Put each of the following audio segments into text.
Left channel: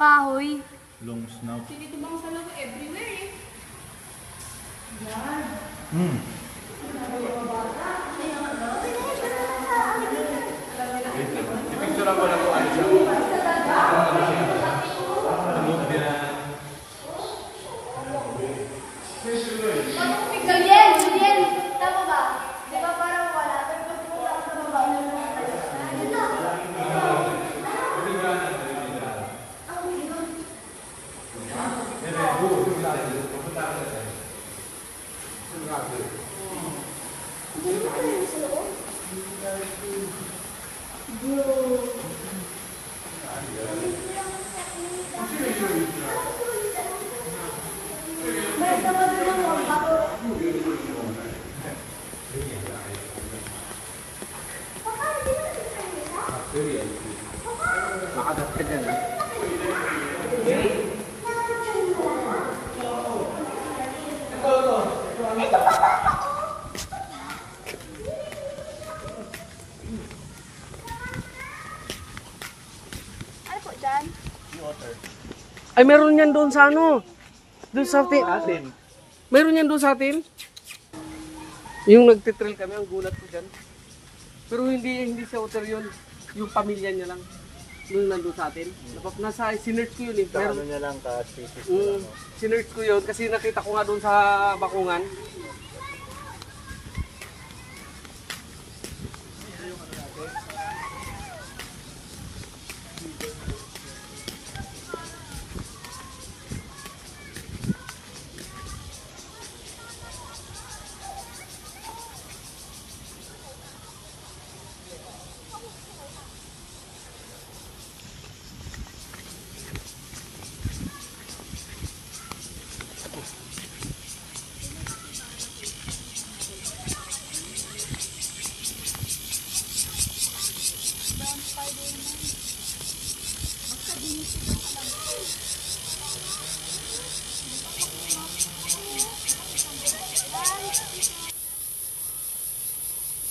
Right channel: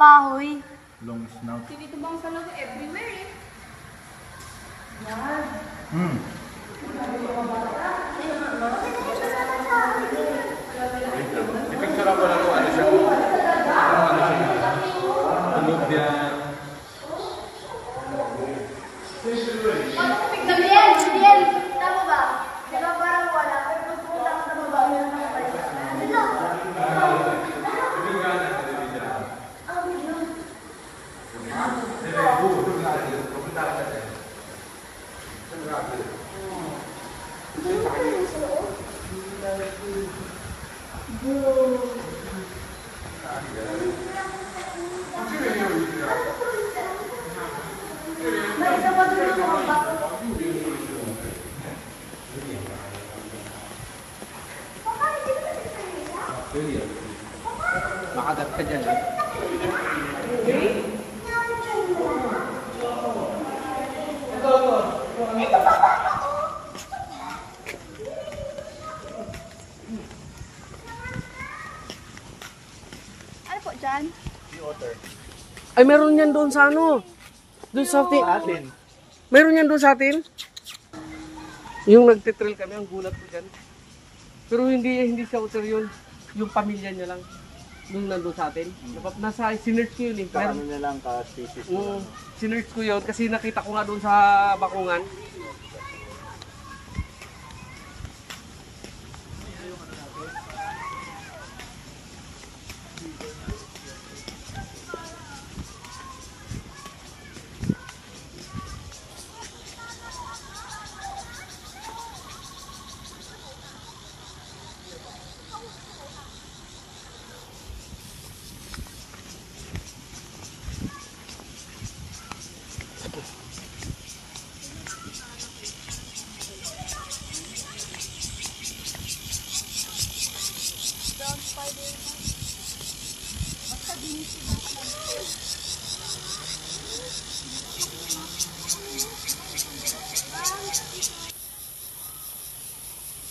kahoy. Long snout. Tinitibang talaga everywhere eh. Yan. Picture ako lang po. Ano siya? Talog yan. Julian! Tama ba? Di ba parang wala? Pero wala sa baba. Makagat ka dyan. Ano po dyan? Ay, meron yan doon sa ano? Doon sa atin. Meron yan doon sa atin? Yung nagtitrail kami, ang gulat ko dyan. Pero hindi sa otter yun. Yung pamilya niya lang. Nung nandun sa atin. Nasa sinerch ko yun eh. Ano niya lang ka-species. Sinerch ko yun kasi nakita ko nga doon sa bakungan.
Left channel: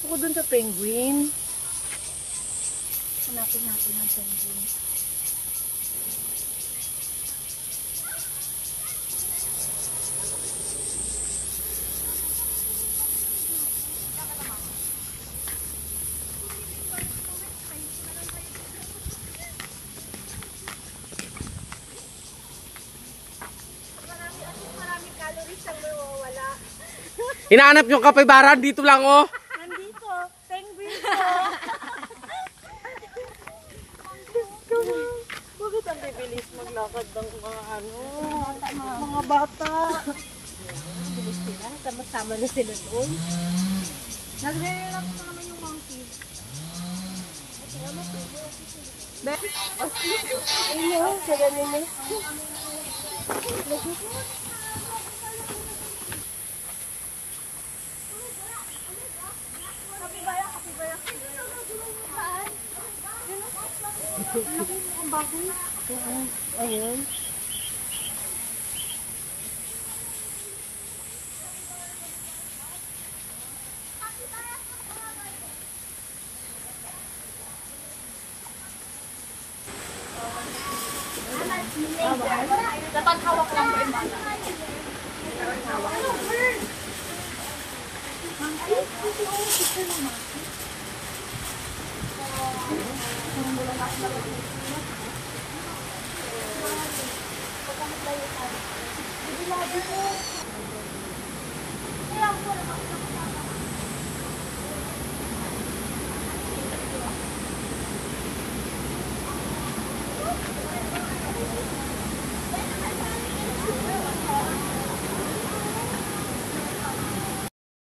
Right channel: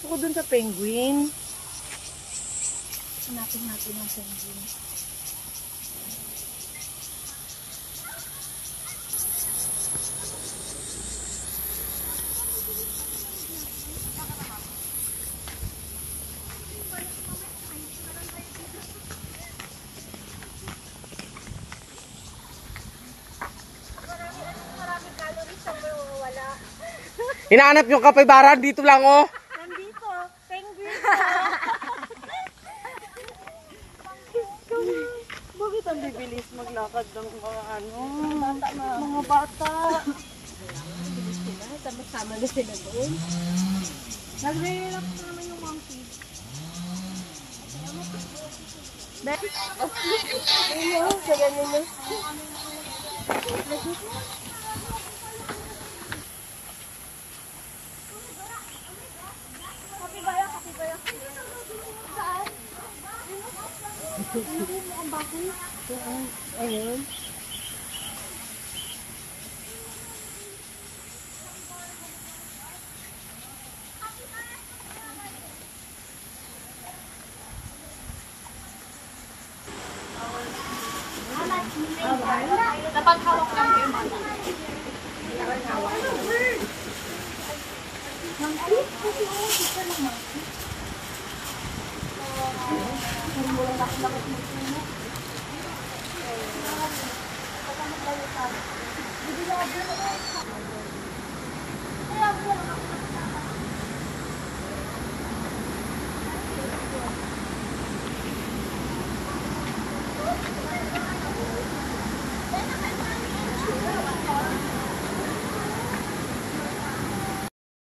Ako dun sa penguin. Hanapin natin ang penguin. Hinahanap yung kapaybaran, dito lang oh. Nandito, penguin ko. Bakit ang bibilis maglakad ng mga ano? Mga bata. Bilis sila, sama-sama na sila doon. Nagre-relax pa naman yung monkey. Ayun, sa ganun na. Ang bago. Ayun. Dapat hawak lang po yung bata. Dapat hawak lang. Monkey?